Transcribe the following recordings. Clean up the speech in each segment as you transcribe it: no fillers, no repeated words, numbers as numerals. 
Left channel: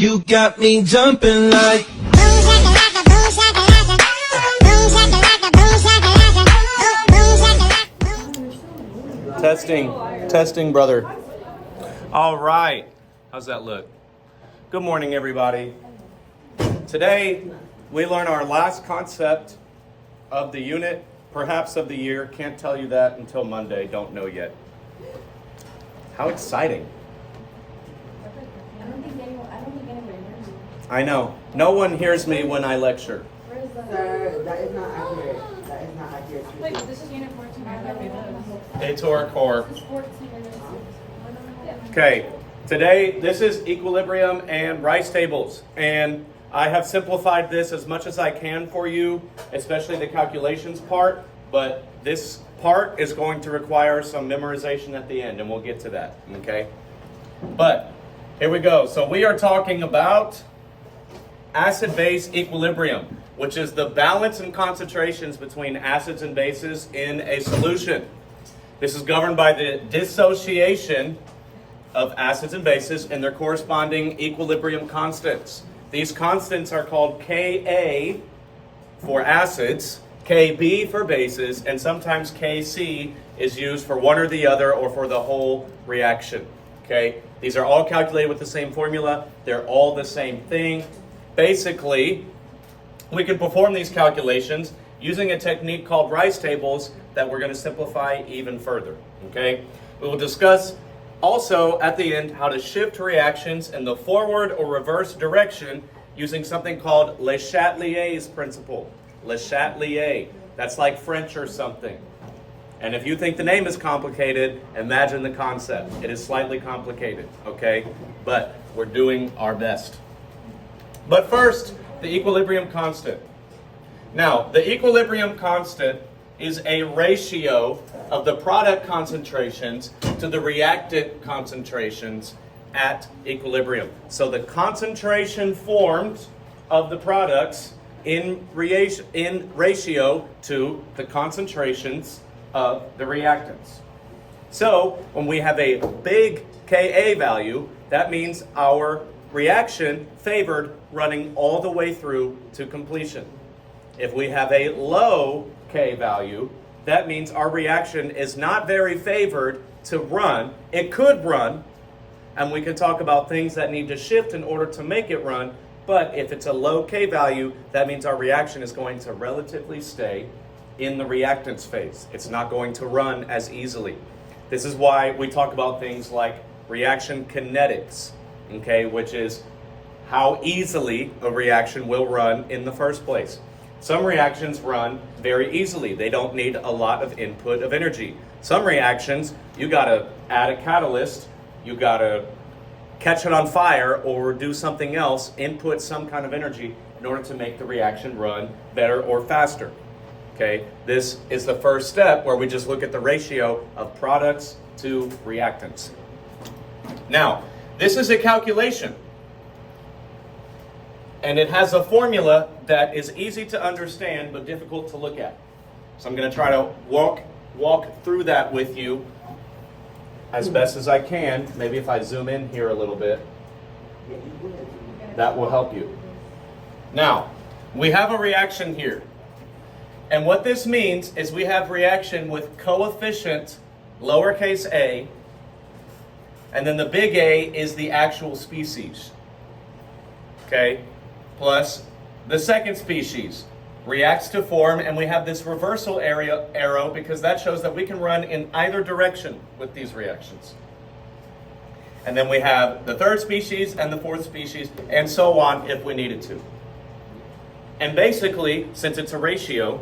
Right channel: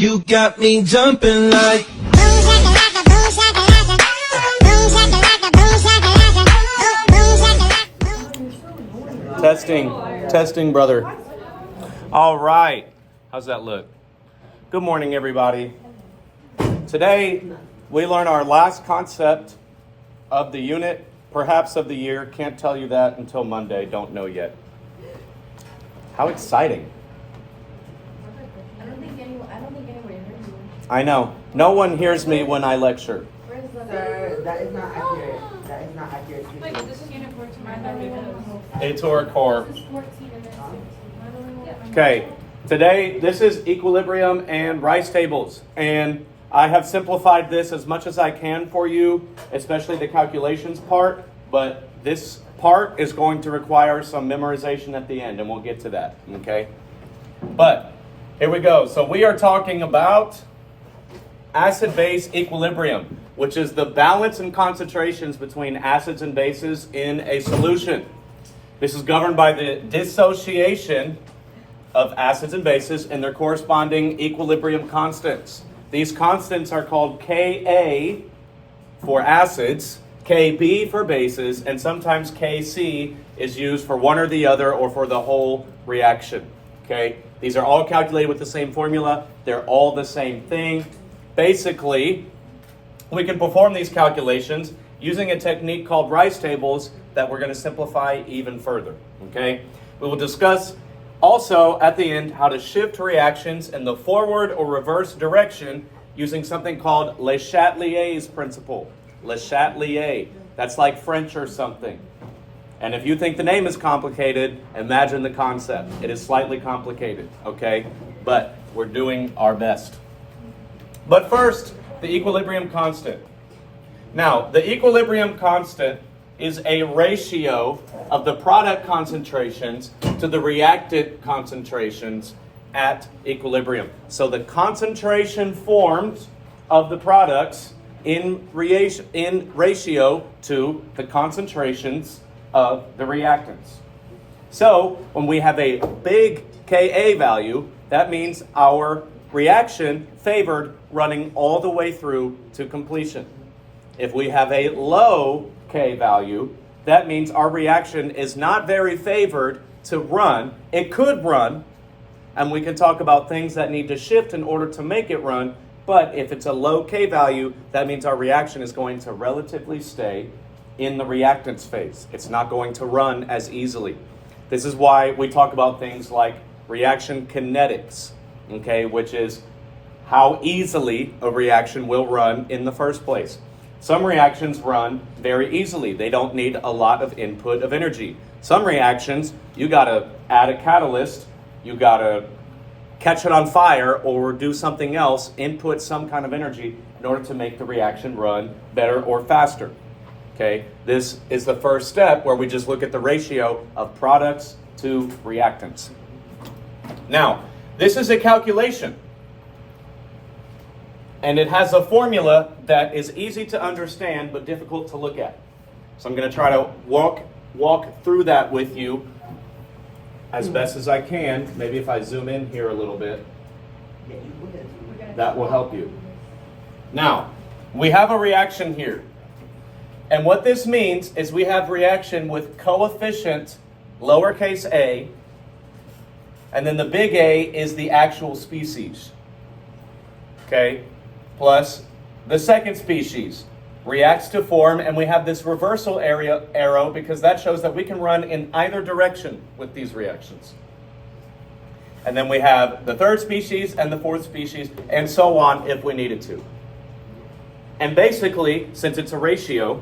You got me jumping like Testing, brother. All right. How's that look? Good morning, everybody. Today, we learn our last concept of the unit, perhaps of the year. Can't tell you that until Monday. Don't know yet. How exciting. I don't think anybody heard you. I know. No one hears me when I lecture. Sir, that is not accurate. That is not accurate. Wait, this is unit 14. I thought it was. A to our core. This is 14 and then Okay, today this is equilibrium and rice tables, and I have simplified this as much as I can for you, especially the calculations part, but this part is going to require some memorization at the end, and we'll get to that, okay? But here we go. So we are talking about acid-base equilibrium, which is the balance and concentrations between acids and bases in a solution. This is governed by the dissociation of acids and bases and their corresponding equilibrium constants. These constants are called Ka for acids, Kb for bases, and sometimes Kc is used for one or the other or for the whole reaction. Okay? These are all calculated with the same formula. They're all the same thing. Basically, we can perform these calculations using a technique called rice tables that we're going to simplify even further. Okay? We will discuss also at the end how to shift reactions in the forward or reverse direction using something called Le Chatelier's principle. Le Chatelier. That's like French or something. And if you think the name is complicated, imagine the concept. It is slightly complicated, okay? But we're doing our best. But first, the equilibrium constant. Now, the equilibrium constant is a ratio of the product concentrations to the reactant concentrations at equilibrium. So the concentration formed of the products in ratio to the concentrations of the reactants. So when we have a big Ka value, that means our reaction favored running all the way through to completion. If we have a low K value, that means our reaction is not very favored to run. It could run, and we can talk about things that need to shift in order to make it run, but if it's a low K value, that means our reaction is going to relatively stay in the reactants phase. It's not going to run as easily. This is why we talk about things like reaction kinetics, okay, which is how easily a reaction will run in the first place. Some reactions run very easily. They don't need a lot of input of energy. Some reactions, you gotta add a catalyst, you gotta catch it on fire or do something else, input some kind of energy in order to make the reaction run better or faster. Okay, this is the first step where we just look at the ratio of products to reactants. Now, this is a calculation. And it has a formula that is easy to understand but difficult to look at. So I'm going to try to walk through that with you as best as I can. Maybe if I zoom in here a little bit, that will help you. Now, we have a reaction here. And what this means is we have reaction with coefficient lowercase a, and then the big A is the actual species. Okay? Plus the second species reacts to form, and we have this reversal arrow because that shows that we can run in either direction with these reactions. And then we have the third species and the fourth species, and so on if we needed to. And basically, since it's a ratio,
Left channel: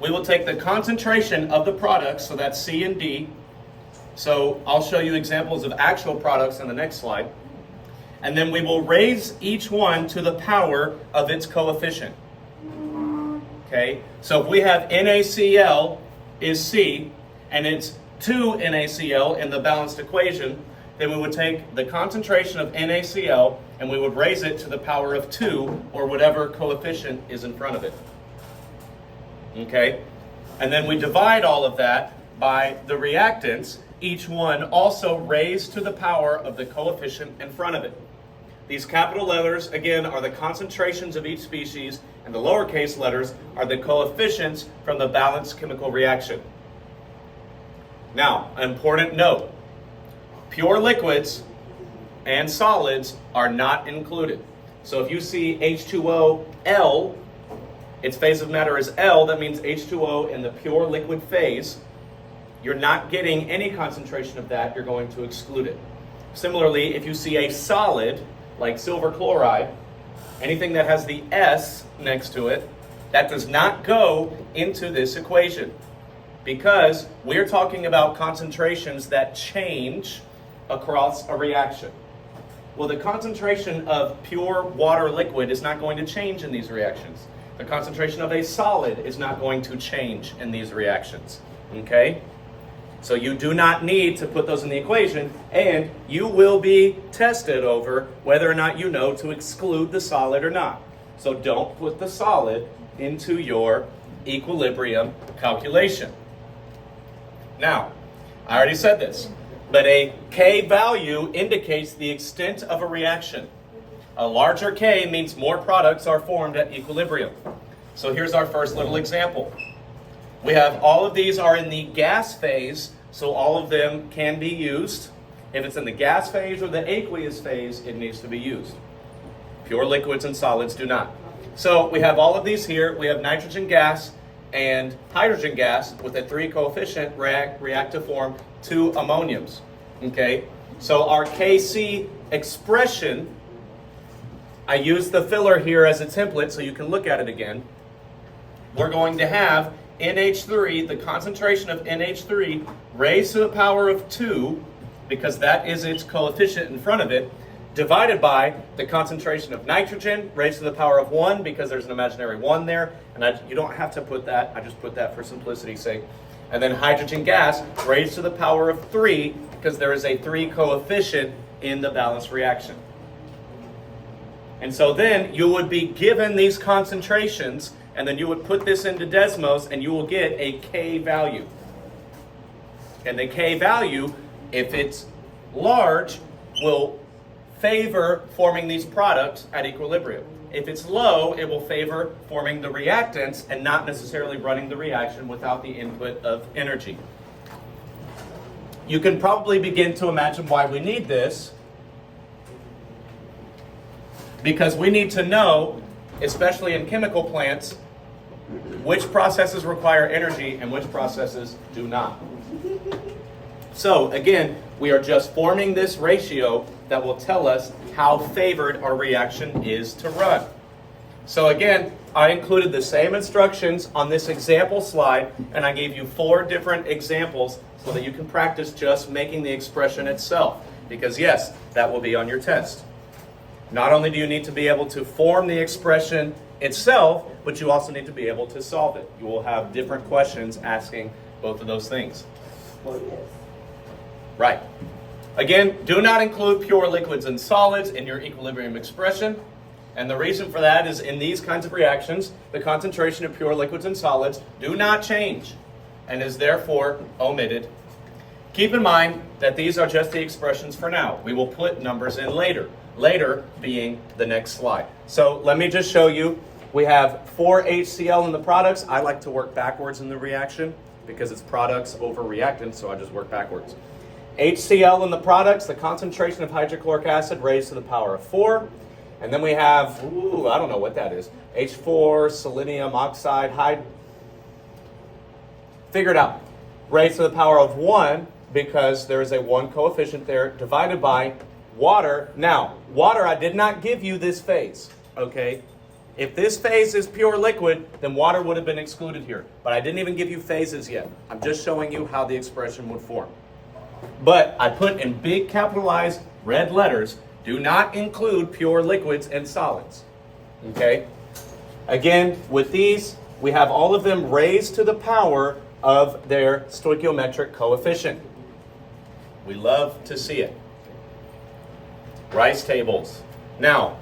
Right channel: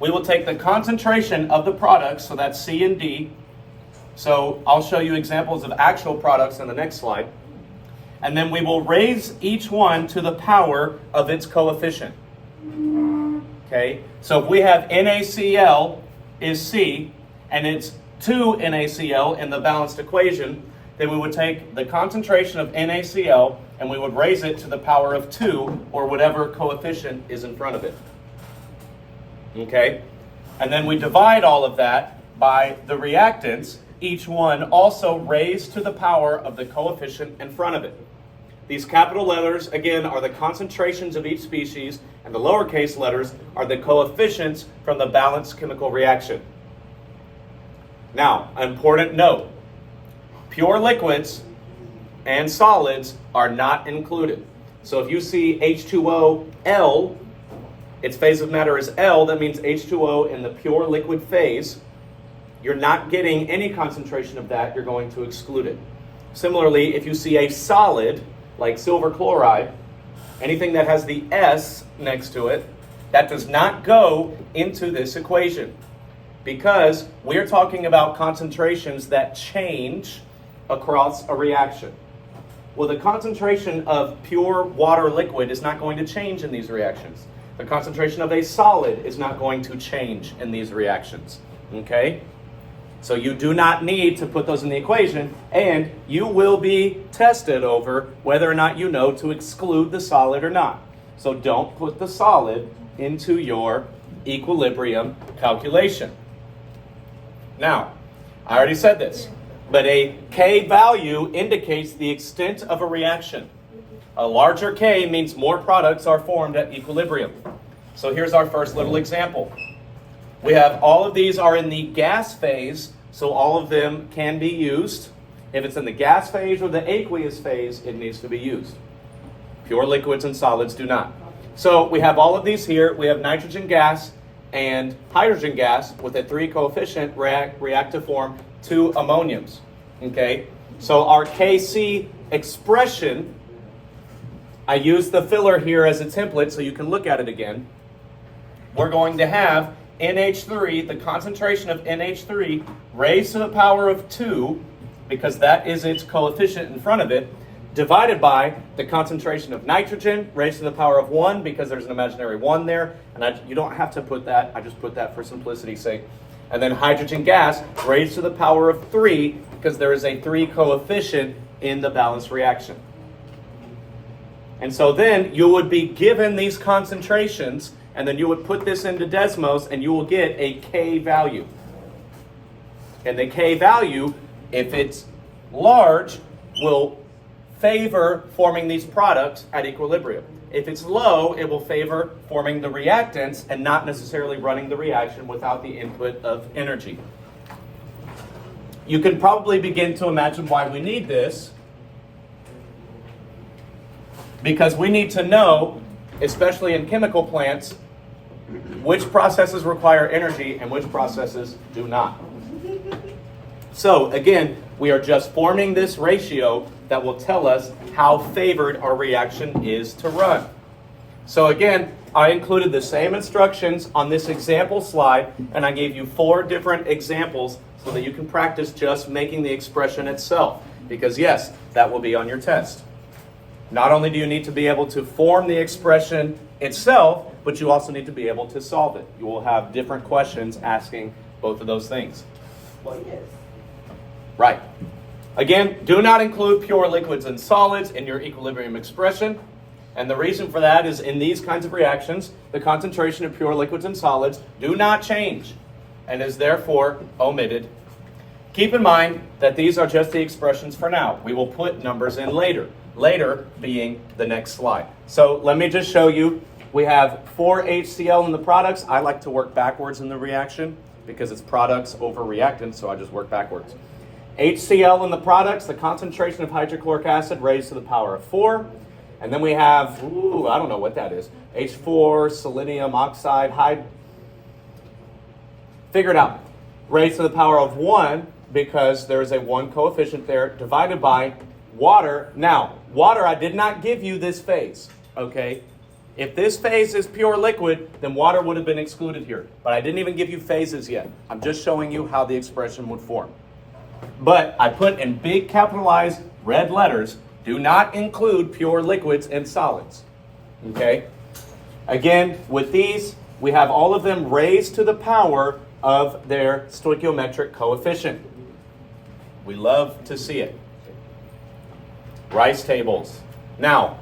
we will take the concentration of the products, so that's C and D. So I'll show you examples of actual products in the next slide. And then we will raise each one to the power of its coefficient. Okay, so if we have NaCl is C, and it's 2 NaCl in the balanced equation, then we would take the concentration of NaCl and we would raise it to the power of 2, or whatever coefficient is in front of it. Okay, and then we divide all of that by the reactants, each one also raised to the power of the coefficient in front of it. These capital letters, again, are the concentrations of each species, and the lowercase letters are the coefficients from the balanced chemical reaction. Now, an important note, pure liquids and solids are not included. So if you see H2O L, its phase of matter is L, that means H2O in the pure liquid phase. You're not getting any concentration of that, you're going to exclude it. Similarly, if you see a solid, like silver chloride, anything that has the S next to it, that does not go into this equation because we're talking about concentrations that change across a reaction. Well, the concentration of pure water liquid is not going to change in these reactions. The concentration of a solid is not going to change in these reactions, okay? So you do not need to put those in the equation, and you will be tested over whether or not you know to exclude the solid or not. So don't put the solid into your equilibrium calculation. Now, I already said this, but a K value indicates the extent of a reaction. A larger K means more products are formed at equilibrium. So here's our first little example. We have all of these are in the gas phase, so all of them can be used. If it's in the gas phase or the aqueous phase, it needs to be used. Pure liquids and solids do not. So we have all of these here. We have nitrogen gas and hydrogen gas with a 3 coefficient react to form 2 ammoniums. Okay, so our Kc expression, I use the filler here as a template so you can look at it again. We're going to have NH3, the concentration of NH3 raised to the power of 2, because that is its coefficient in front of it, divided by the concentration of nitrogen raised to the power of 1, because there's an imaginary 1 there, and you don't have to put that, I just put that for simplicity's sake. And then hydrogen gas raised to the power of 3, because there is a 3 coefficient in the balanced reaction. And so then you would be given these concentrations, and then you would put this into Desmos, and you will get a K value. And the K value, if it's large, will favor forming these products at equilibrium. If it's low, it will favor forming the reactants and not necessarily running the reaction without the input of energy. You can probably begin to imagine why we need this, because we need to know, especially in chemical plants, which processes require energy and which processes do not. So again, we are just forming this ratio that will tell us how favored our reaction is to run. So again, I included the same instructions on this example slide, and I gave you 4 different examples so that you can practice just making the expression itself. Because yes, that will be on your test. Not only do you need to be able to form the expression itself, but you also need to be able to solve it. You will have different questions asking both of those things. Well, yes. Right. Again, do not include pure liquids and solids in your equilibrium expression. And the reason for that is in these kinds of reactions, the concentration of pure liquids and solids do not change and is therefore omitted. Keep in mind that these are just the expressions for now. We will put numbers in later. Later being the next slide. So let me just show you. We have 4 HCl in the products. I like to work backwards in the reaction because it's products over reactants, so I just work backwards. HCl in the products, the concentration of hydrochloric acid raised to the power of 4. And then we have, I don't know what that is, H4, selenium oxide, figure it out. Raised to the power of 1 because there's a 1 coefficient there divided by water. Now, water, I did not give you this phase, okay? If this phase is pure liquid, then water would have been excluded here. But I didn't even give you phases yet. I'm just showing you how the expression would form. But I put in big capitalized red letters, do not include pure liquids and solids, okay? Again, with these, we have all of them raised to the power of their stoichiometric coefficient. We love to see it. Rice tables. Now,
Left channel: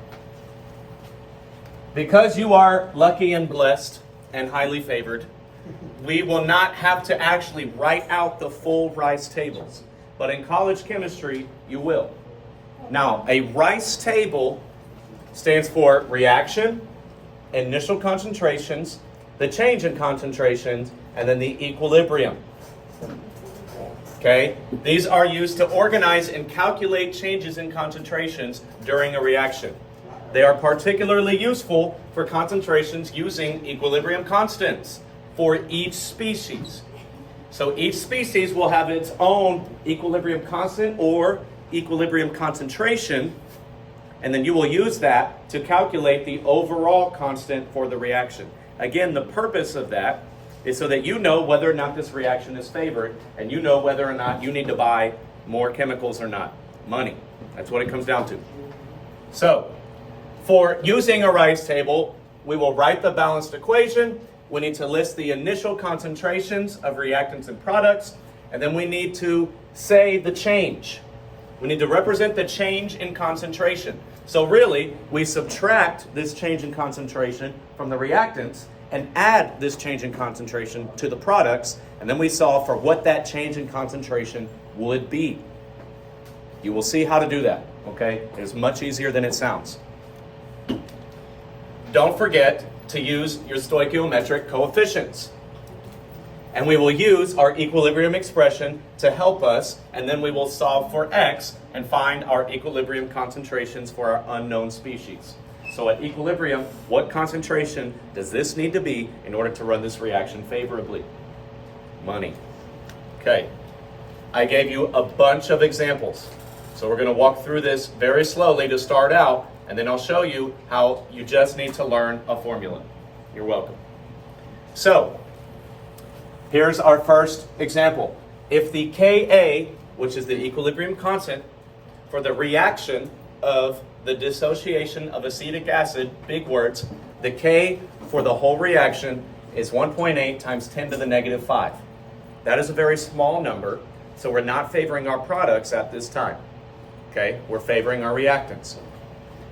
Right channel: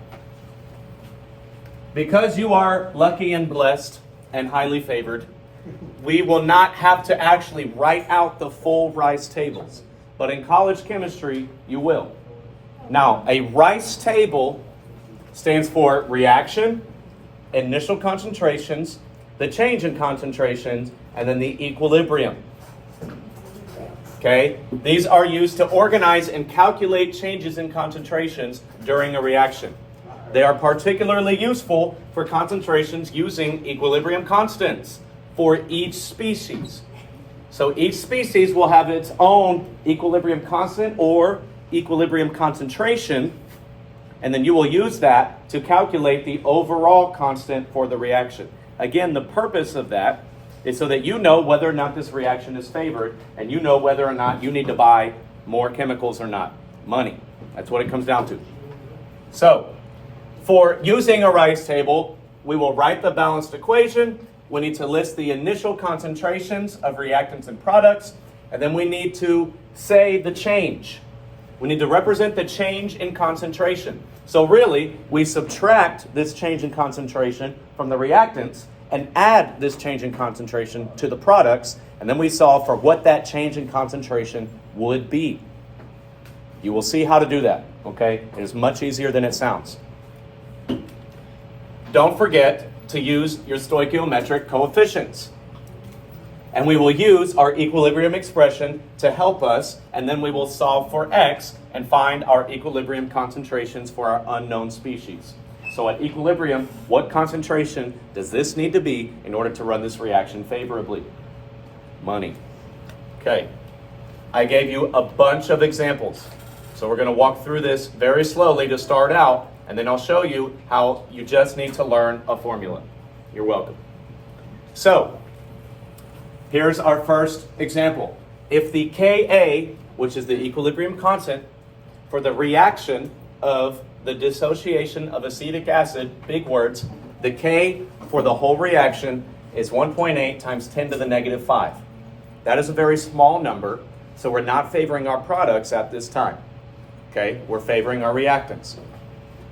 because you are lucky and blessed and highly favored, we will not have to actually write out the full rice tables. But in college chemistry, you will. Now, a rice table stands for reaction, initial concentrations, the change in concentrations, and then the equilibrium. Okay? These are used to organize and calculate changes in concentrations during a reaction. They are particularly useful for concentrations using equilibrium constants for each species. So each species will have its own equilibrium constant or equilibrium concentration, and then you will use that to calculate the overall constant for the reaction. Again, the purpose of that is so that you know whether or not this reaction is favored, and you know whether or not you need to buy more chemicals or not. Money. That's what it comes down to. So, for using a Rice table, we will write the balanced equation. We need to list the initial concentrations of reactants and products, and then we need to say the change. We need to represent the change in concentration. So really, we subtract this change in concentration from the reactants and add this change in concentration to the products, and then we solve for what that change in concentration would be. You will see how to do that, okay? It is much easier than it sounds. Don't forget to use your stoichiometric coefficients. And we will use our equilibrium expression to help us, and then we will solve for x and find our equilibrium concentrations for our unknown species. So at equilibrium, what concentration does this need to be in order to run this reaction favorably? Money. Okay. I gave you a bunch of examples. So we're going to walk through this very slowly to start out, and then I'll show you how you just need to learn a formula. You're welcome. So, here's our first example. If the Ka, which is the equilibrium constant, for the reaction of the dissociation of acetic acid, big words, the K for the whole reaction is 1.8 times 10 to the negative 5. That is a very small number, so we're not favoring our products at this time. Okay, we're favoring our reactants.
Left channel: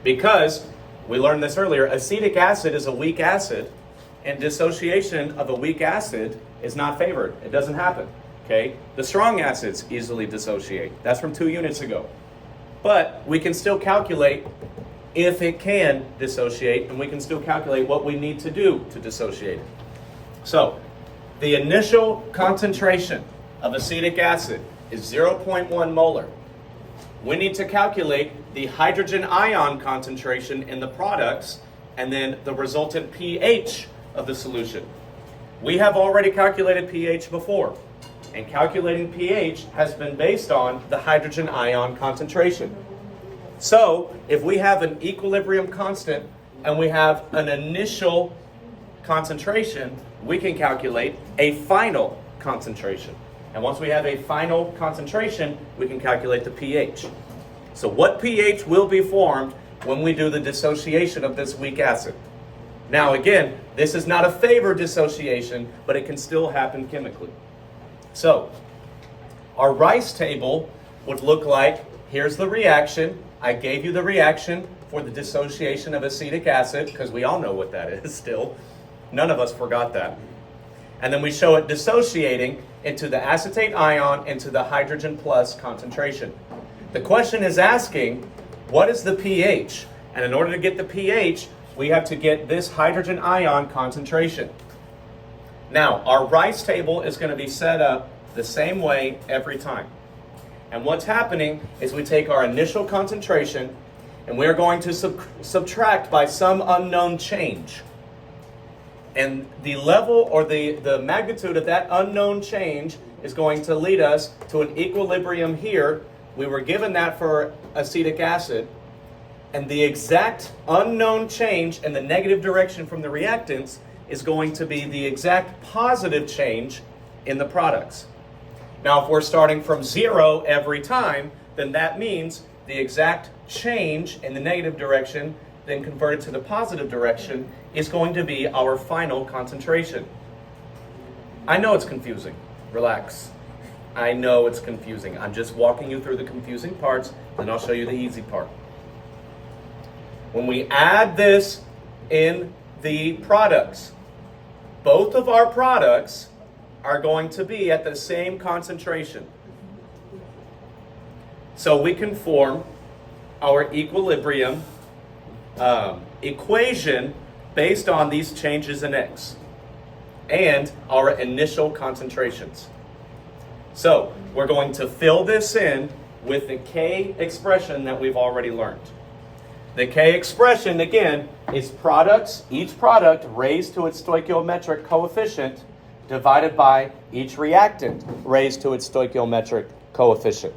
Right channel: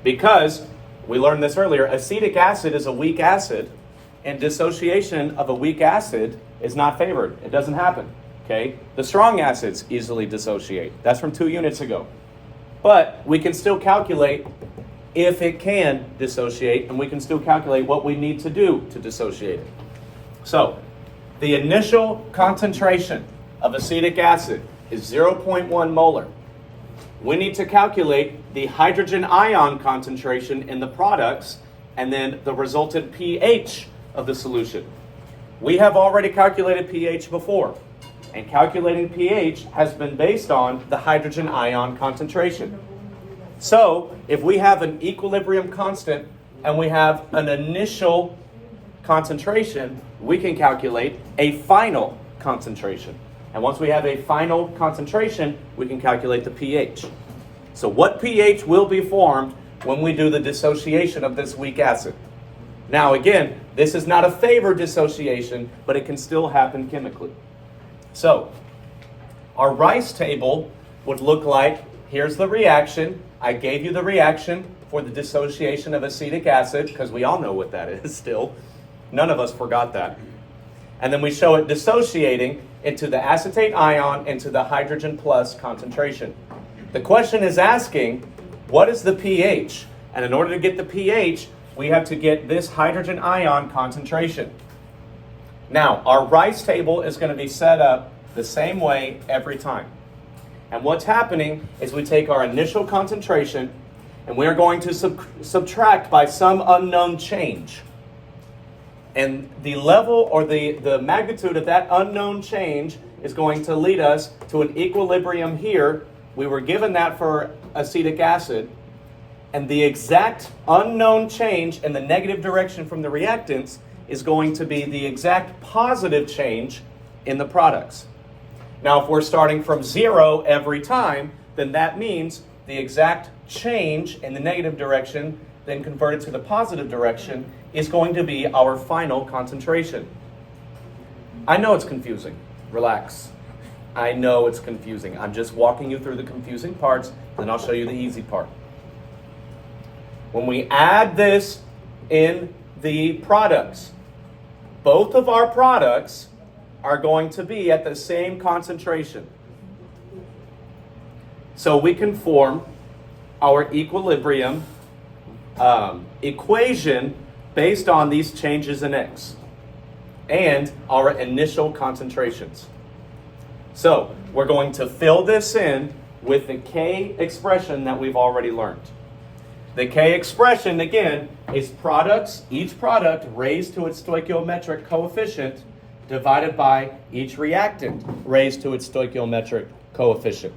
Because, we learned this earlier, acetic acid is a weak acid, and dissociation of a weak acid is not favored. It doesn't happen. Okay? The strong acids easily dissociate. That's from 2 units ago. But we can still calculate if it can dissociate, and we can still calculate what we need to do to dissociate it. So, the initial concentration of acetic acid is 0.1 molar. We need to calculate the hydrogen ion concentration in the products and then the resultant pH of the solution. We have already calculated pH before, and calculating pH has been based on the hydrogen ion concentration. So, if we have an equilibrium constant and we have an initial concentration, we can calculate a final concentration. And once we have a final concentration, we can calculate the pH. So what pH will be formed when we do the dissociation of this weak acid? Now again, this is not a favored dissociation, but it can still happen chemically. So, our Rice table would look like, here's the reaction. I gave you the reaction for the dissociation of acetic acid, because we all know what that is still. None of us forgot that. And then we show it dissociating into the acetate ion into the hydrogen plus concentration. The question is asking, what is the pH? And in order to get the pH, we have to get this hydrogen ion concentration. Now, our Rice table is going to be set up the same way every time. And what's happening is we take our initial concentration and we are going to subtract by some unknown change. And the level or the magnitude of that unknown change is going to lead us to an equilibrium here. We were given that for acetic acid. And the exact unknown change in the negative direction from the reactants is going to be the exact positive change in the products. Now, if we're starting from 0 every time, then that means the exact change in the negative direction, then converted to the positive direction, is going to be our final concentration. I know it's confusing. Relax. I know it's confusing. I'm just walking you through the confusing parts, then I'll show you the easy part. When we add this in the products, both of our products are going to be at the same concentration. So we can form our equilibrium equation based on these changes in X and our initial concentrations. So we're going to fill this in with the K expression that we've already learned. The K expression, again, is each product raised to its stoichiometric coefficient divided by each reactant raised to its stoichiometric coefficient.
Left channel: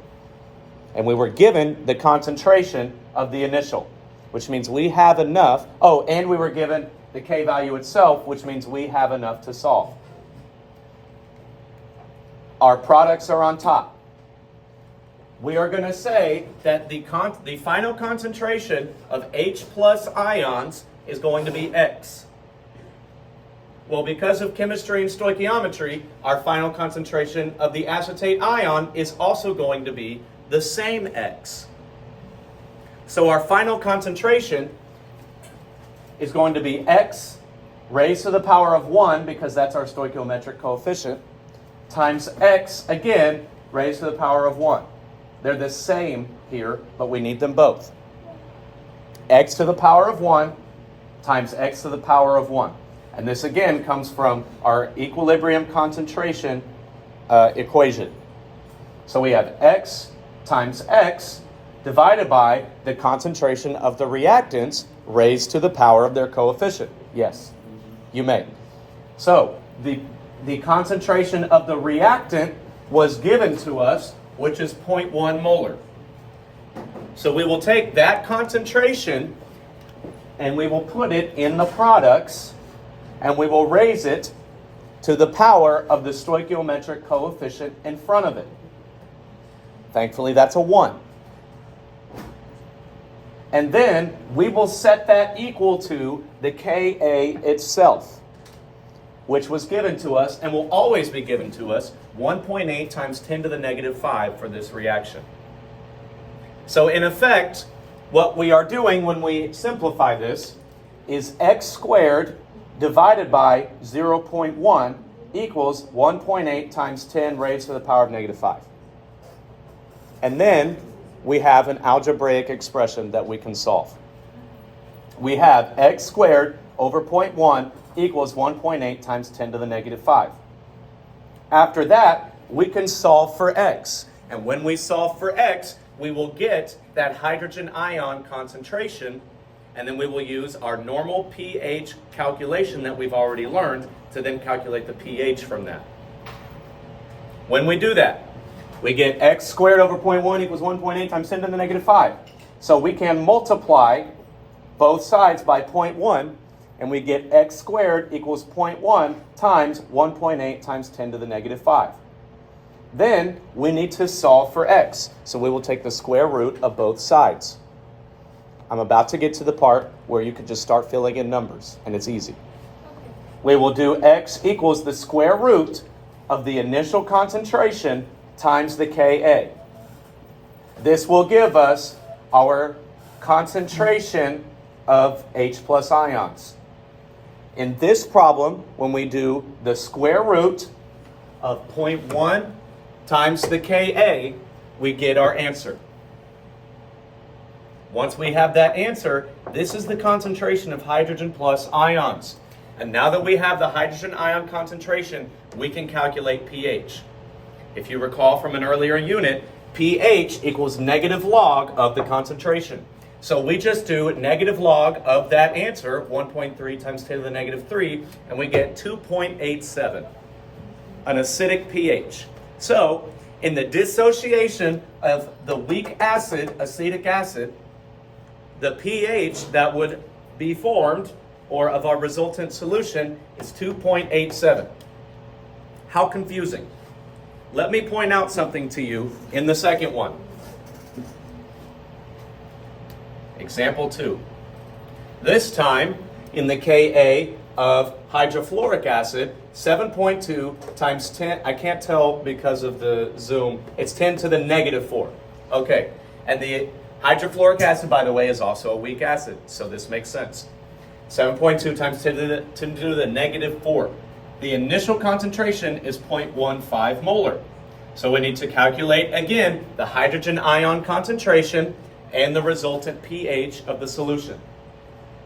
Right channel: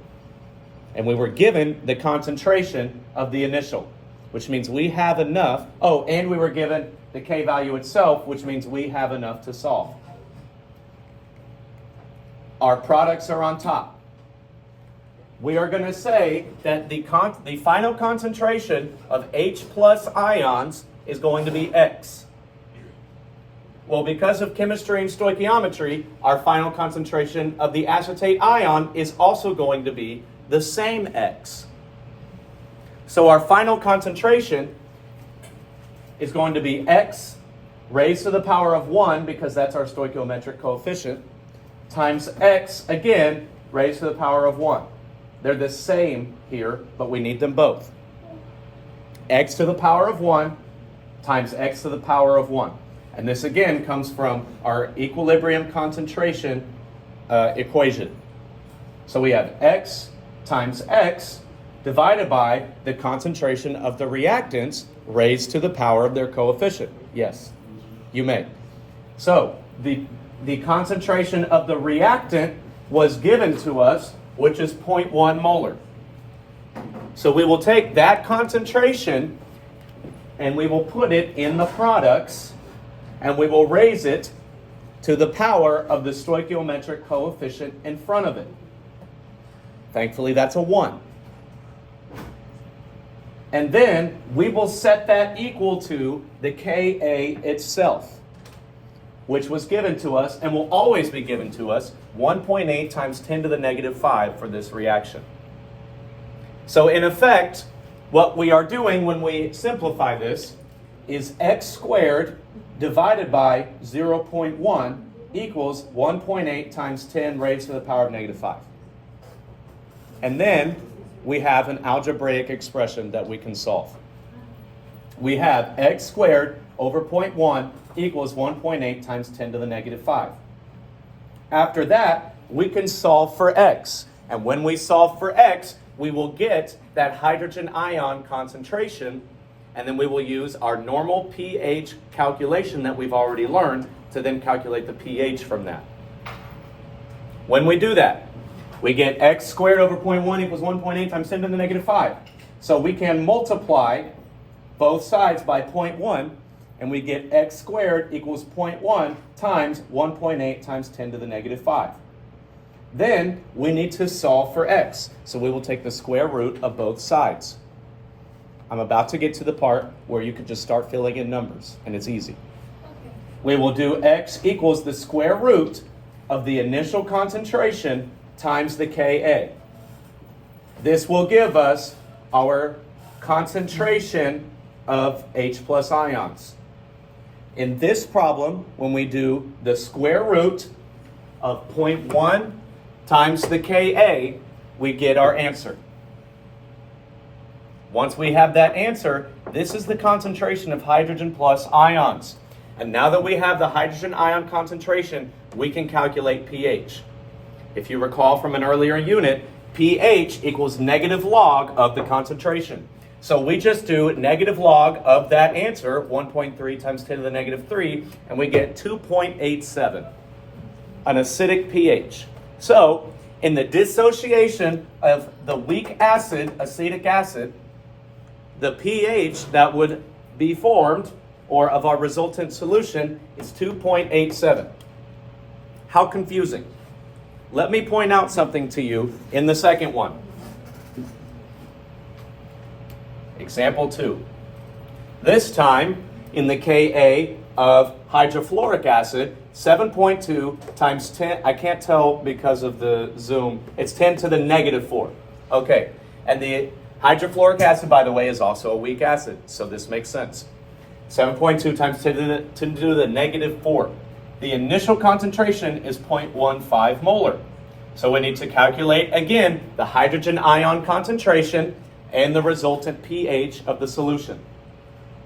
And we were given the concentration of the initial, which means we have enough. Oh, and we were given the K value itself, which means we have enough to solve. Our products are on top. We are going to say that the final concentration of H plus ions is going to be X. Well, because of chemistry and stoichiometry, our final concentration of the acetate ion is also going to be the same X. So our final concentration is going to be X raised to the power of 1, because that's our stoichiometric coefficient, times X, again, raised to the power of 1. They're the same here, but we need them both. X to the power of 1 times X to the power of 1. And this, again, comes from our equilibrium concentration equation. So we have X times X divided by the concentration of the reactants raised to the power of their coefficient. Yes, you may. So the concentration of the reactant was given to us, which is 0.1 molar. So we will take that concentration and we will put it in the products and we will raise it to the power of the stoichiometric coefficient in front of it. Thankfully, that's a 1. And then we will set that equal to the Ka itself, which was given to us and will always be given to us, 1.8 times 10 to the negative 5 for this reaction. So in effect, what we are doing when we simplify this is X squared divided by 0.1 equals 1.8 times 10 raised to the power of negative 5. And then we have an algebraic expression that we can solve. We have X squared over 0.1 equals 1.8 times 10 to the negative 5. After that, we can solve for X. And when we solve for X, we will get that hydrogen ion concentration, and then we will use our normal pH calculation that we've already learned to then calculate the pH from that. When we do that, we get X squared over 0.1 equals 1.8 times 10 to the negative 5. So we can multiply both sides by 0.1, and we get X squared equals 0.1 times 1.8 times 10 to the negative 5. Then we need to solve for X. So we will take the square root of both sides. I'm about to get to the part where you can just start filling in numbers, and it's easy. We will do X equals the square root of the initial concentration times the Ka. This will give us our concentration of H plus ions. In this problem, when we do the square root of 0.1 times the Ka, we get our answer. Once we have that answer, this is the concentration of hydrogen plus ions. And now that we have the hydrogen ion concentration, we can calculate pH. If you recall from an earlier unit, pH equals negative log of the concentration. So we just do negative log of that answer, 1.3 times 10 to the negative 3, and we get 2.87, an acidic pH. So in the dissociation of the weak acid, acetic acid, the pH that would be formed, or of our resultant solution, is 2.87. How confusing. Let me point out something to you in the second one. Example 2. This time, in the Ka of hydrofluoric acid, 7.2 times 10, I can't tell because of the zoom, it's 10 to the negative 4. Okay, and the hydrofluoric acid, by the way, is also a weak acid, so this makes sense. 7.2 times 10 to the negative 4. The initial concentration is 0.15 molar. So we need to calculate, again, the hydrogen ion concentration and the resultant pH of the solution.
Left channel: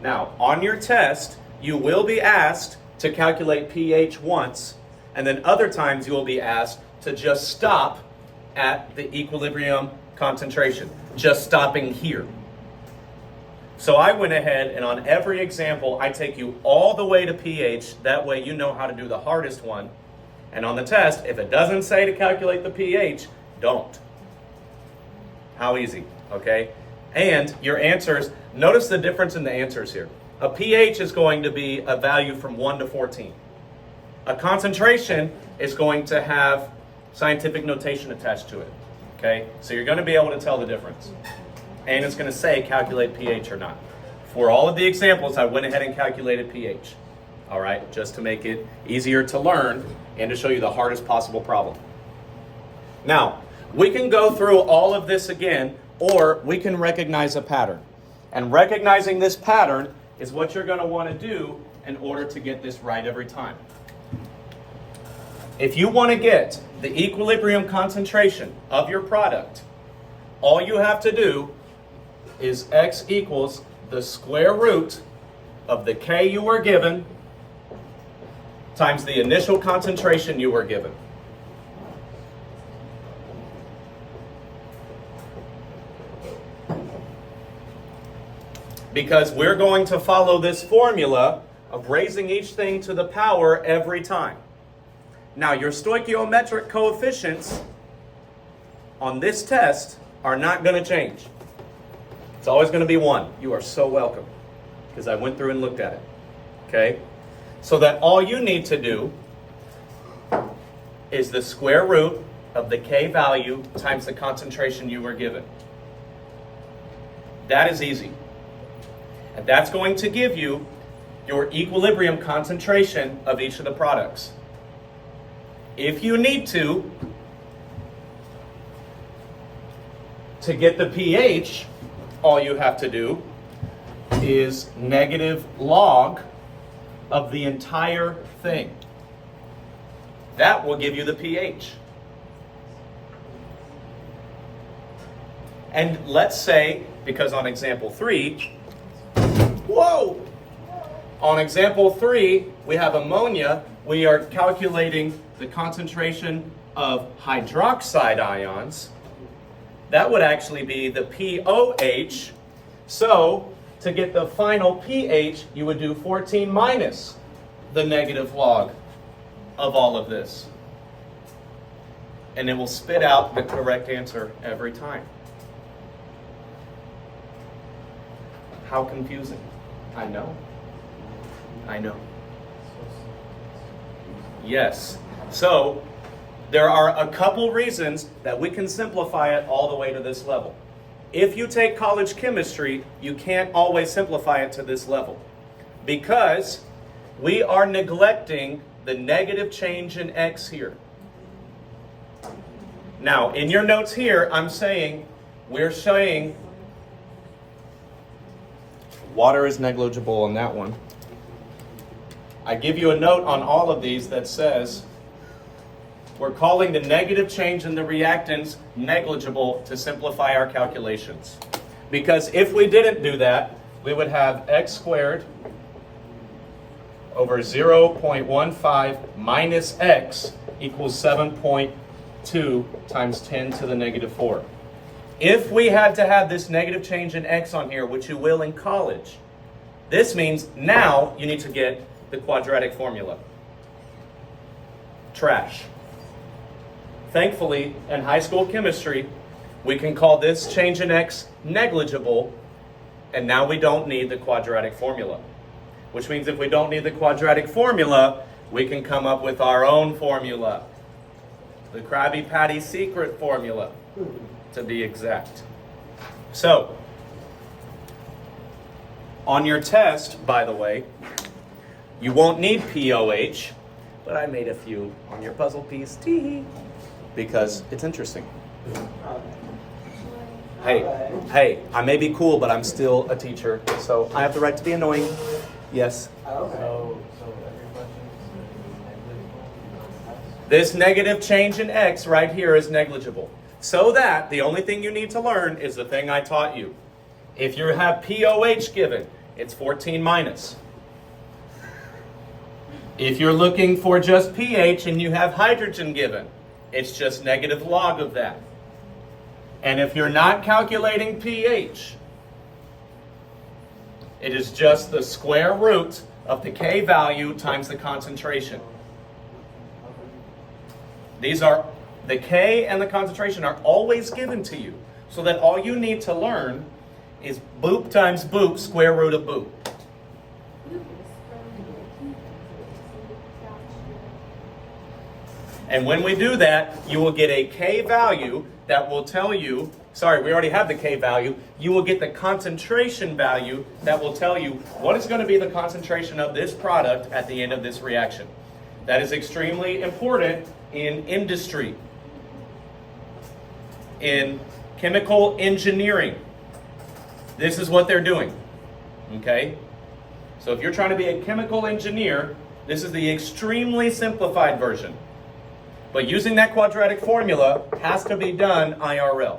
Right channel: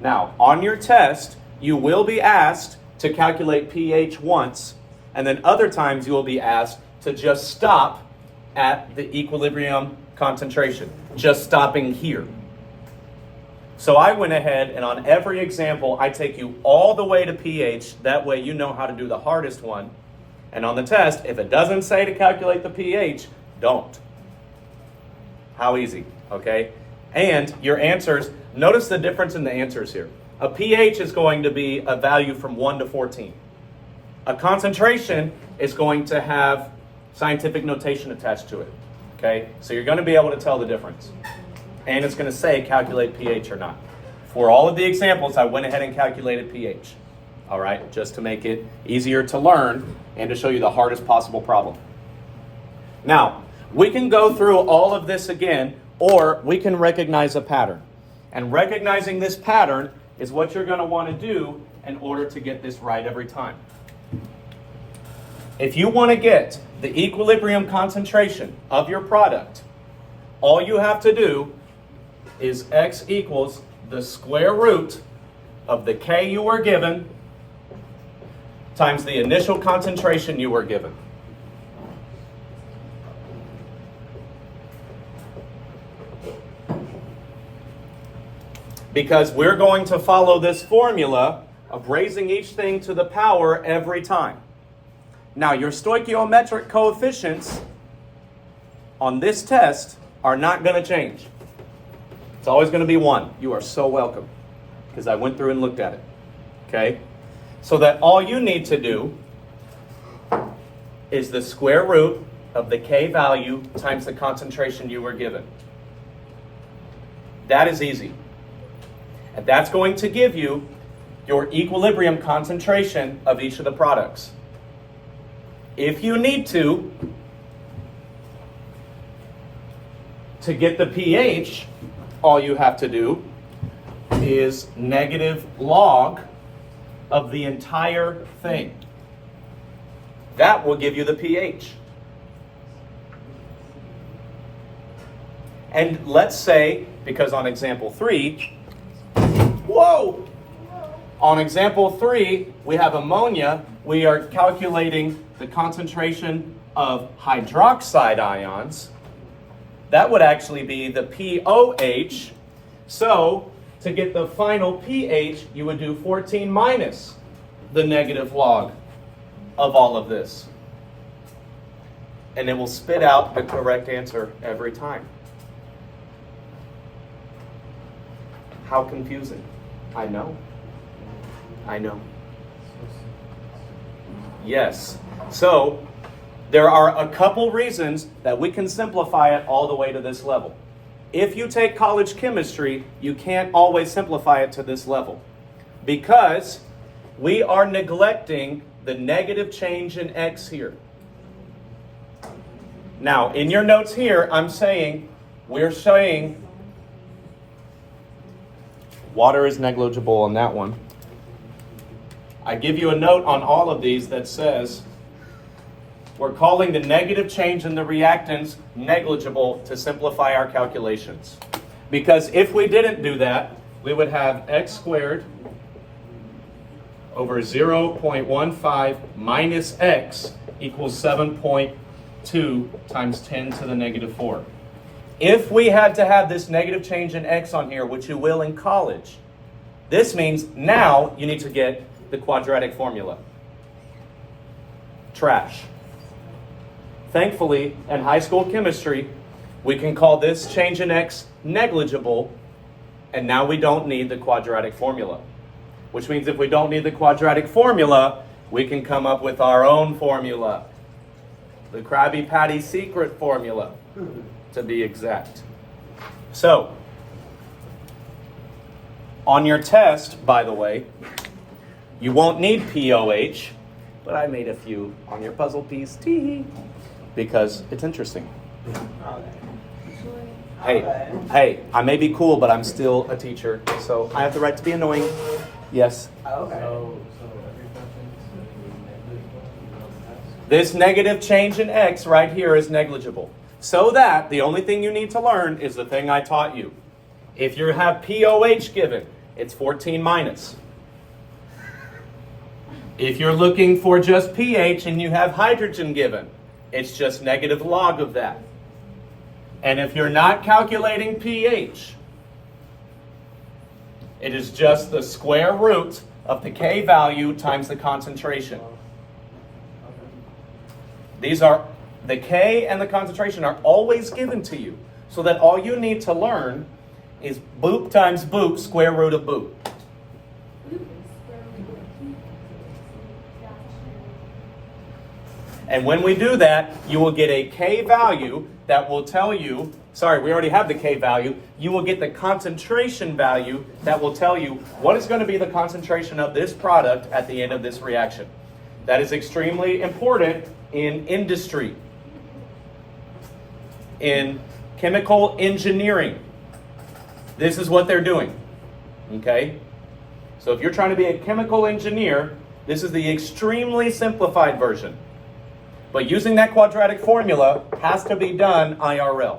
Now, on your test, you will be asked to calculate pH once, and then other times you will be asked to just stop at the equilibrium concentration, just stopping here. So I went ahead and on every example, I take you all the way to pH. That way you know how to do the hardest one. And on the test, if it doesn't say to calculate the pH, don't. How easy, okay? And your answers, notice the difference in the answers here. A pH is going to be a value from 1 to 14. A concentration is going to have scientific notation attached to it, okay? So you're going to be able to tell the difference. And it's going to say calculate pH or not. For all of the examples, I went ahead and calculated pH, all right? Just to make it easier to learn and to show you the hardest possible problem. Now, we can go through all of this again, or we can recognize a pattern. And recognizing this pattern is what you're going to want to do in order to get this right every time. If you want to get the equilibrium concentration of your product, all you have to do is x equals the square root of the K you were given times the initial concentration you were given. Because we're going to follow this formula of raising each thing to the power every time. Now, your stoichiometric coefficients on this test are not going to change. It's always going to be 1. You are so welcome, because I went through and looked at it. Okay? So that all you need to do is the square root of the K value times the concentration you were given. That is easy. And that's going to give you your equilibrium concentration of each of the products. If you need to get the pH, all you have to do is negative log of the entire thing. That will give you the pH. And let's say, because on example 3, whoa! On example 3, we have ammonia. We are calculating the concentration of hydroxide ions. That would actually be the POH. So, to get the final pH, you would do 14 minus the negative log of all of this. And it will spit out the correct answer every time. How confusing. I know. I know. Yes. So, there are a couple reasons that we can simplify it all the way to this level. If you take college chemistry, you can't always simplify it to this level because we are neglecting the negative change in X here. Now, in your notes here, we're saying water is negligible on that one. I give you a note on all of these that says we're calling the negative change in the reactants negligible to simplify our calculations. Because if we didn't do that, we would have x squared over 0.15 minus x equals 7.2 times 10 to the negative 4. If we had to have this negative change in x on here, which you will in college, this means now you need to get the quadratic formula. Trash. Thankfully, in high school chemistry, we can call this change in x negligible, and now we don't need the quadratic formula. Which means if we don't need the quadratic formula, we can come up with our own formula. The Krabby Patty secret formula, to be exact. So, on your test, by the way, you won't need POH, but I made a few on your puzzle piece, because it's interesting. Hey, I may be cool, but I'm still a teacher, so I have the right to be annoying. Yes? This negative change in x right here is negligible. So that the only thing you need to learn is the thing I taught you. If you have POH given, it's 14 minus. If you're looking for just pH and you have hydrogen given, it's just negative log of that. And if you're not calculating pH, it is just the square root of the K value times the concentration. These are, the K and the concentration are always given to you, so that all you need to learn is boop times boop, square root of boop. And when we do that, you will get a K value that will tell you, sorry, we already have the K value. You will get the concentration value that will tell you what is going to be the concentration of this product at the end of this reaction. That is extremely important in industry, in chemical engineering. This is what they're doing, okay? So if you're trying to be a chemical engineer, this is the extremely simplified version. But using that quadratic formula has to be done IRL.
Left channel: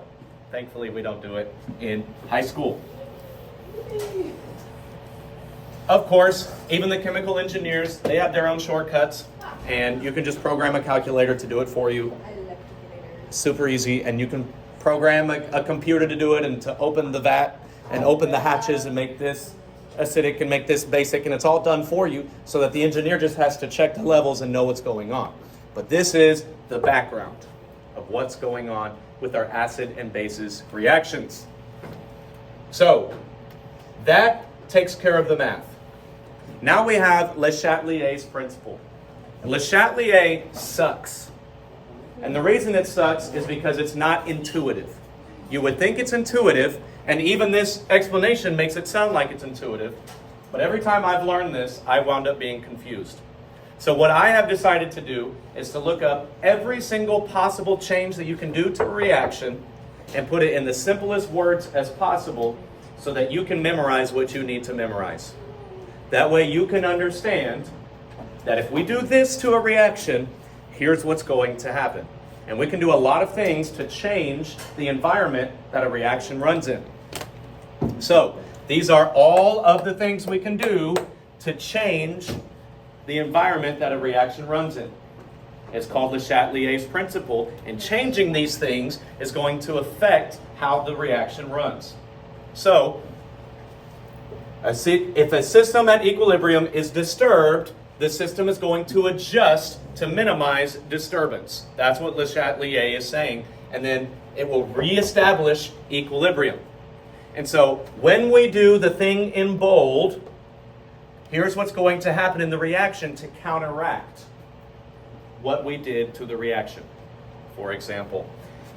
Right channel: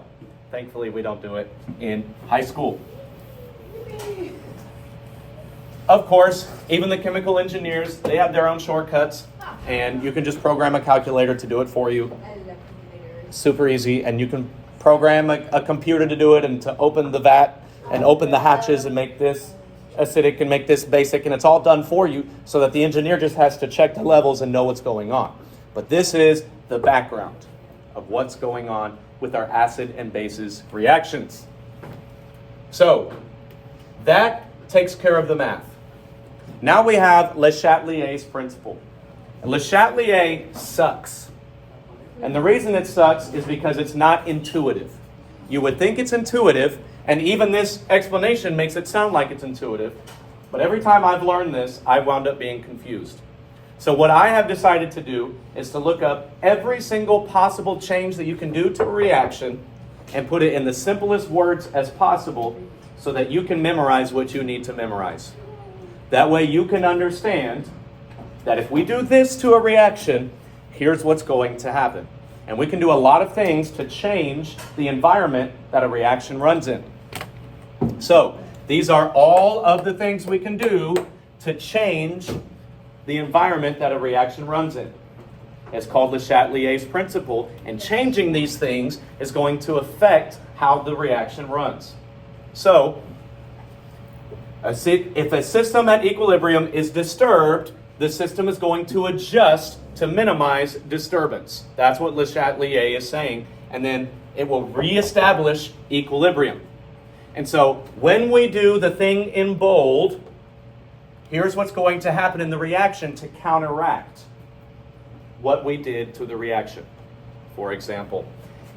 Thankfully, we don't do it in high school. Of course, even the chemical engineers, they have their own shortcuts, and you can just program a calculator to do it for you. Super easy, and you can program a computer to do it and to open the vat and open the hatches and make this acidic and make this basic, and it's all done for you so that the engineer just has to check the levels and know what's going on. But this is the background of what's going on with our acid and bases reactions. So that takes care of the math. Now we have Le Chatelier's principle. And Le Chatelier sucks. And the reason it sucks is because it's not intuitive. You would think it's intuitive, and even this explanation makes it sound like it's intuitive. But every time I've learned this, I wound up being confused. So what I have decided to do is to look up every single possible change that you can do to a reaction and put it in the simplest words as possible so that you can memorize what you need to memorize. That way you can understand that if we do this to a reaction, here's what's going to happen. And we can do a lot of things to change the environment that a reaction runs in. So these are all of the things we can do to change the environment that a reaction runs in. It's called Le Chatelier's principle, and changing these things is going to affect how the reaction runs. So, if a system at equilibrium is disturbed, the system is going to adjust to minimize disturbance. That's what Le Chatelier is saying, and then it will reestablish equilibrium. And so, when we do the thing in bold, here's what's going to happen in the reaction to counteract what we did to the reaction. For example,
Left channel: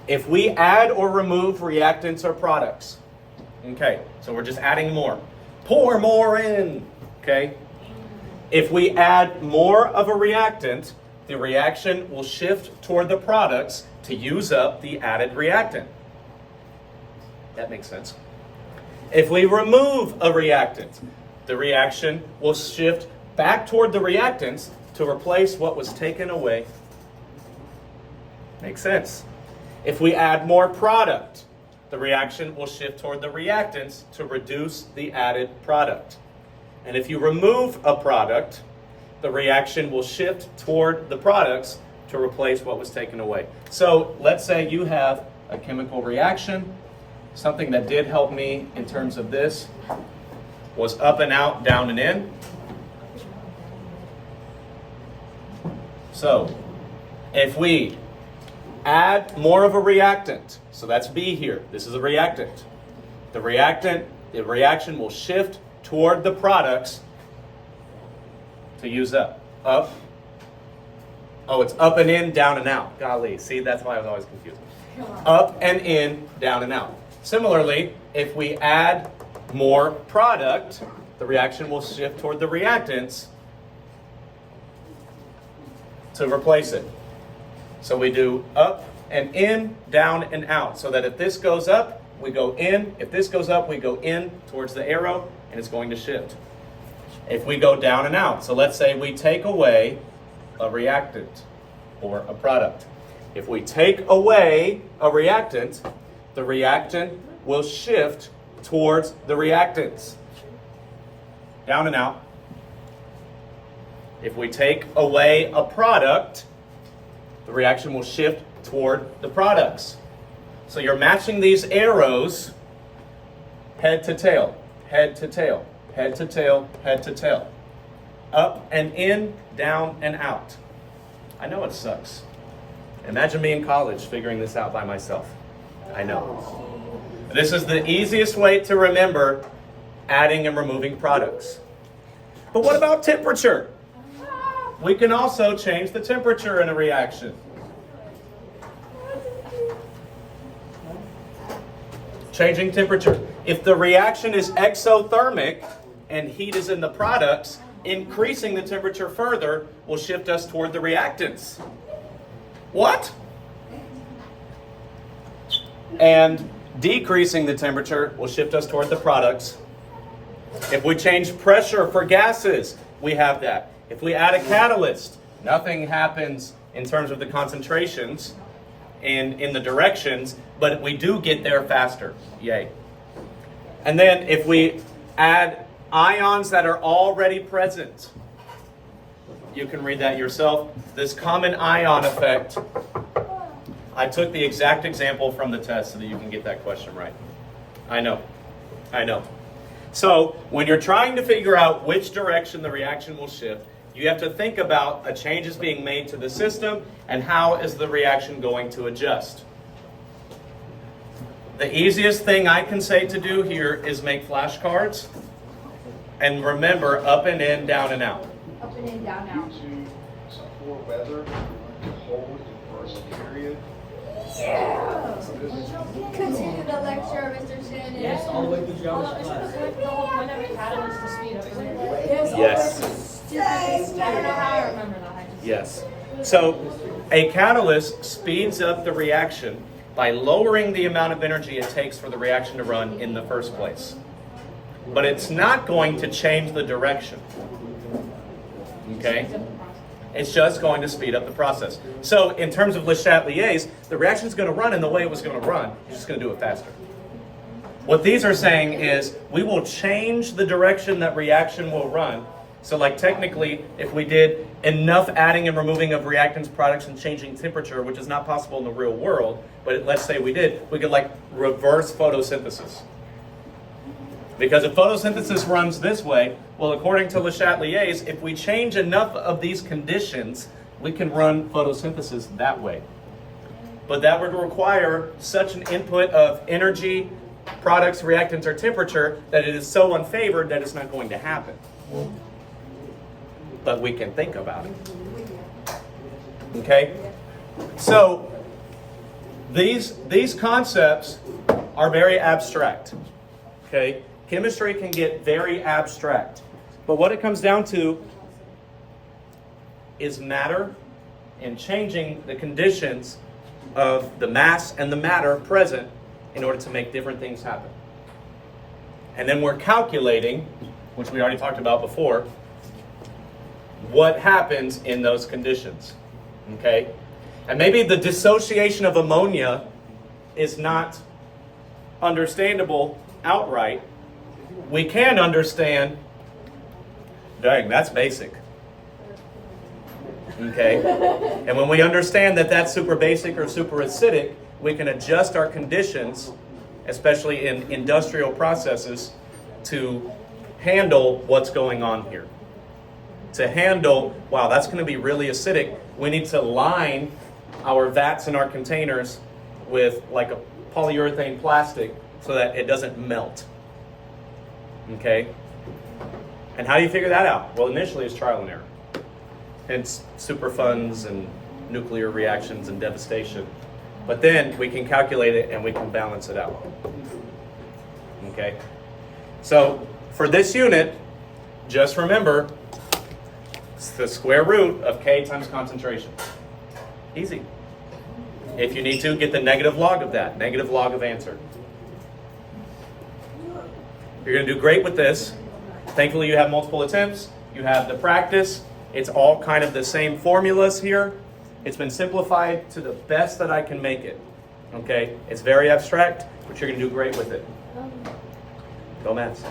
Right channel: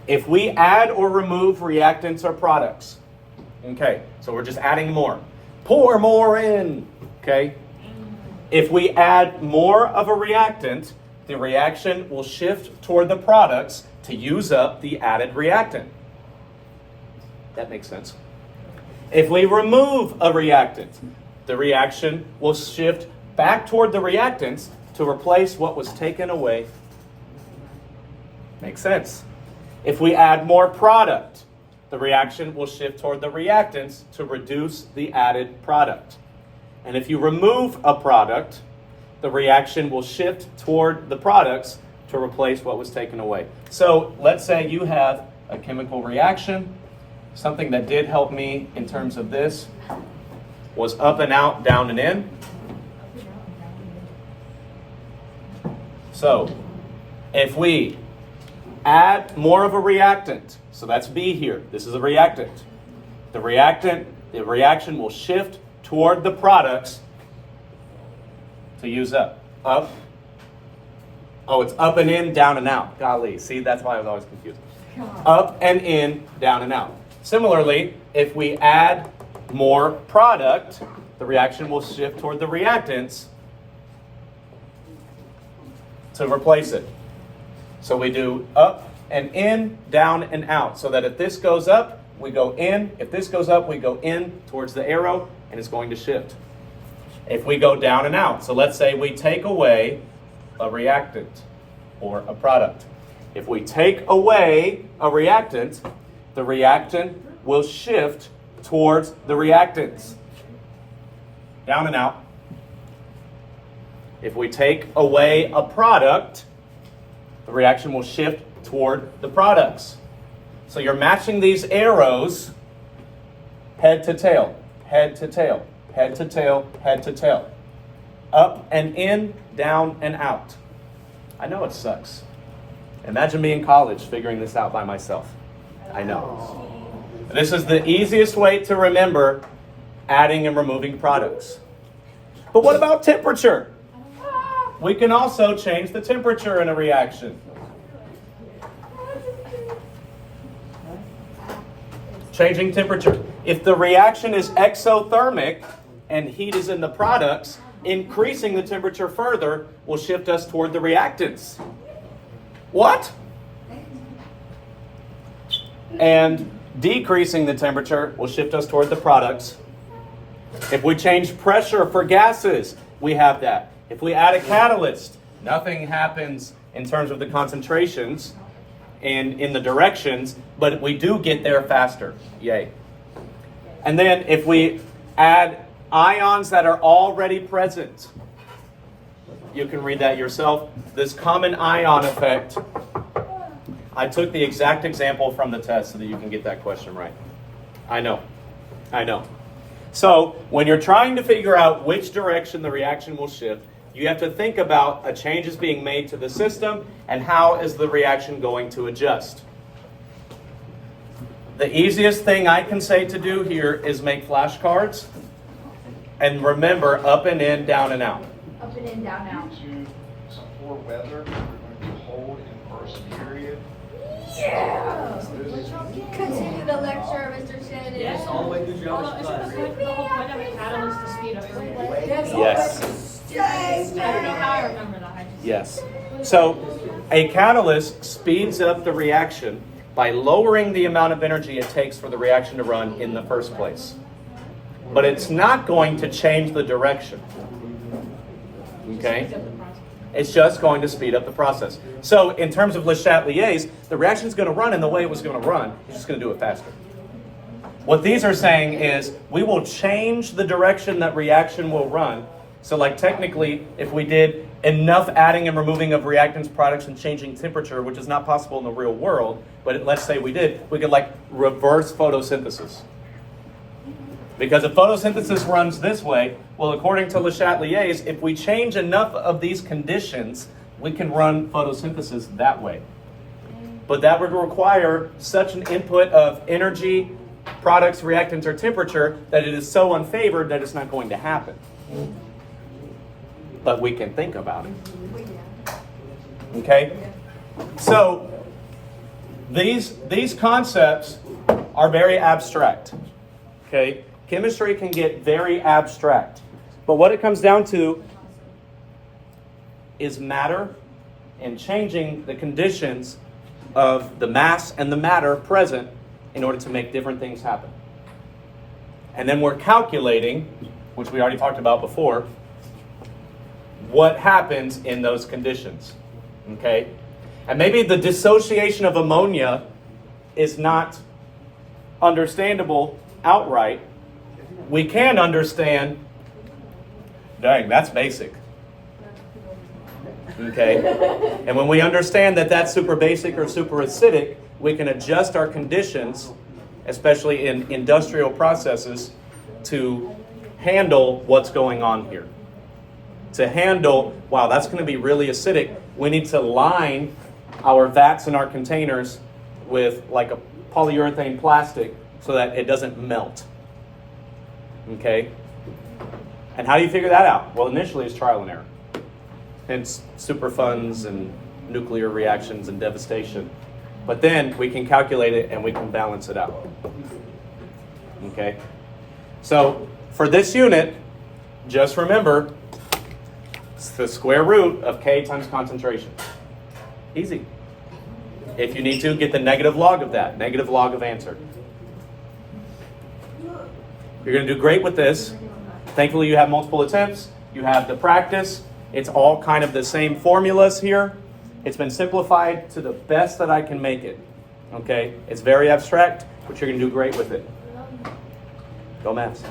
if we add or remove reactants or products, okay, so we're just adding more. Pour more in, okay? If we add more of a reactant, the reaction will shift toward the products to use up the added reactant. That makes sense. If we remove a reactant, the reaction will shift back toward the reactants to replace what was taken away. Makes sense. If we add more product, the reaction will shift toward the reactants to reduce the added product. And if you remove a product, the reaction will shift toward the products to replace what was taken away. So let's say you have a chemical reaction. Something that did help me in terms of this was up and out, down and in. So if we add more of a reactant, so that's B here, this is a reactant. The reaction will shift toward the products to use up. Up. Oh, it's up and in, down and out. Golly, see, that's why I was always confused. Up and in, down and out. Similarly, if we add more product, the reaction will shift toward the reactants to replace it. So we do up and in, down and out, so that if this goes up, we go in. If this goes up, we go in towards the arrow, and it's going to shift. If we go down and out, so let's say we take away a reactant or a product. If we take away a reactant, the reactant will shift towards the reactants. down and out. If we take away a product, the reaction will shift toward the products. So you're matching these arrows head to tail, head to tail, head to tail, head to tail. Up and in, down and out. I know it sucks. Imagine me in college figuring this out by myself. I know. This is the easiest way to remember adding and removing products. But what about temperature? We can also change the temperature in a reaction. Changing temperature. If the reaction is exothermic and heat is in the products, increasing the temperature further will shift us toward the reactants. What? And decreasing the temperature will shift us toward the products. If we change pressure for gases, we have that. If we add a catalyst, nothing happens in terms of the concentrations and in the directions, but we do get there faster. Yay. And then if we add ions that are already present, you can read that yourself. This common ion effect, I took the exact example from the test so that you can get that question right. I know. So when you're trying to figure out which direction the reaction will shift, you have to think about a change is being made to the system and how is the reaction going to adjust. The easiest thing I can say to do here is make flashcards and remember up and in, down and out. Up and in, down, out. To support weather, we're going to hold in first period. Yeah. Continue the lecture, Mr. Shannon. Yes, all the way through Hold geology on, class. isn't the whole point of a catalyst to speed up everything? Yes. I don't know how I remember that. I just- Yes. So a catalyst speeds up the reaction by lowering the amount of energy it takes for the reaction to run in the first place. But it's not going to change the direction. Okay? It's just going to speed up the process. So in terms of Le Chatelier's, the reaction is going to run in the way it was going to run. It's just going to do it faster. What these are saying is we will change the direction that reaction will run. So like technically, if we did enough adding and removing of reactants, products, and changing temperature, which is not possible in the real world, but let's say we did, we could like reverse photosynthesis. Because if photosynthesis runs this way, well, according to Le Chatelier's, if we change enough of these conditions, we can run photosynthesis that way. But that would require such an input of energy, products, reactants, or temperature that it is so unfavored that it's not going to happen. But we can think about it. Okay? So, these concepts are very abstract. Okay? Chemistry can get very abstract. But what it comes down to is matter and changing the conditions of the mass and the matter present in order to make different things happen. And then we're calculating, which we already talked about before, what happens in those conditions. Okay? And maybe the dissociation of ammonia is not understandable outright. We can understand, dang, that's basic. Okay? And when we understand that that's super basic or super acidic, we can adjust our conditions, especially in industrial processes, to handle what's going on here. To handle, wow, that's going to be really acidic. We need to line our vats and our containers with like a polyurethane plastic so that it doesn't melt. Okay? And how do you figure that out? Well, initially it's trial and error. Hence superfunds and nuclear reactions and devastation. But then we can calculate it and we can balance it out. Okay? So for this unit, just remember, it's the square root of K times concentration. Easy. If you need to, get the negative log of that, negative log of answer. You're going to do great with this. Thankfully, you have multiple attempts. You have the practice. It's all kind of the same formulas here. It's been simplified to the best that I can make it. Okay? It's very abstract, but you're going to do great with it. Go Mavs.